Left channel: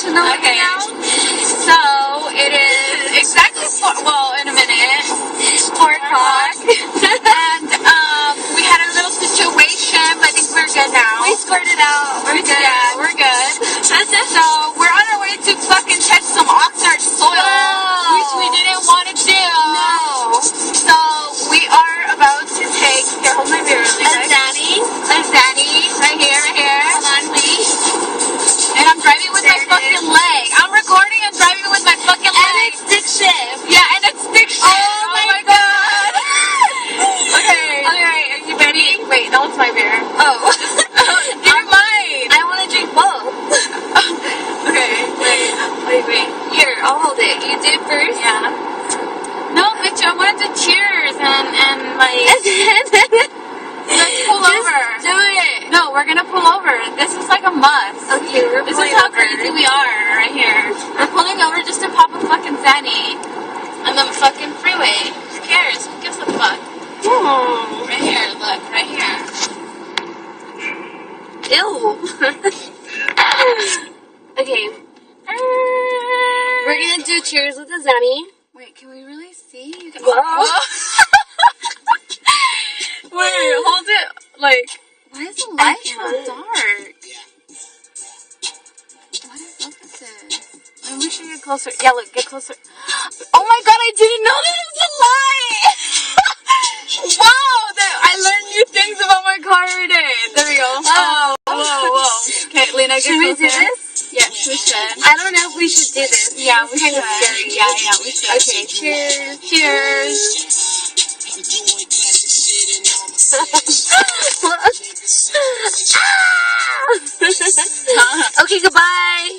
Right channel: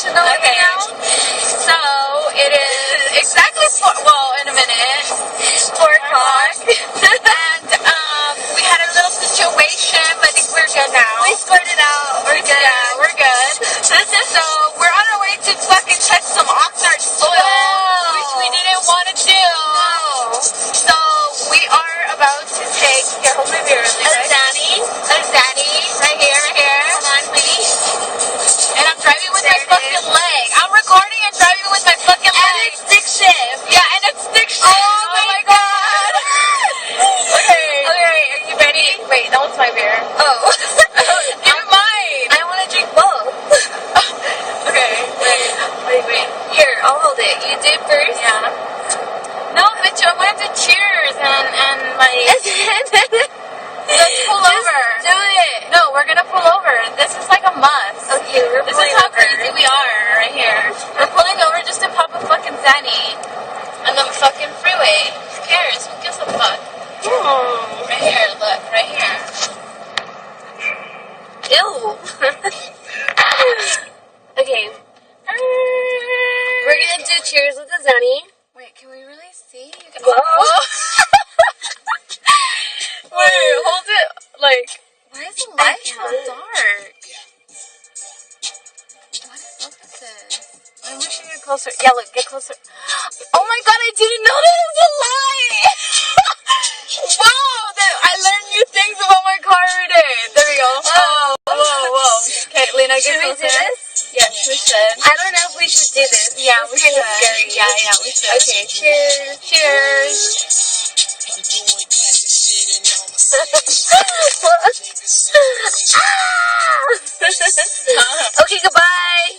Okay. So it is exactly in a minute, 4 o'clock, and we had a little situation, but I think we're good now. We scored it out. We're good. Yeah, we're good. So we're on our way to fucking touch some Oxnard soil, which we didn't want to do. No. So we are about to take. Here, hold my beer really quick. A Zanny, right here. Hold on, please. And I'm driving with my fucking leg. I'm recording and driving with my fucking leg. And it's stick shift. Yeah, and it's stick shift. Oh my god. Okay. Okay, are you ready? Wait, that one's my beer. Oh. Give me mine. I want to drink both. Okay, wait. Here, I'll hold it. You do it first? Yeah. No, bitch, I wanted to cheers and like, let's pull over. Do it. No, we're gonna pull over. This is like a must. Okay, we're This pulling is how over. crazy we are right here. We're pulling over just to pop a fucking Zanny on the fucking freeway. Who cares? Who gives a fuck? Oh. Right here, look, right here. Ew. Okay, we're gonna do cheers with the Zanny. Wait, can we really see? You can... Whoa. Wait, hold it. Like, why is the light so can't. dark? What is up with this? Maybe we should get closer. Yeah, look, get closer. Oh my god, I didn't know that was a light! Wow, I learned new things about my car every day. There we go. Oh, whoa. Okay, Lena, get Should we closer. do this? Yes, we should. I don't know if we should do this. Yeah, It's we kind should. of scary. Yeah, we should. Okay, cheers. Cheers. Okay, goodbye.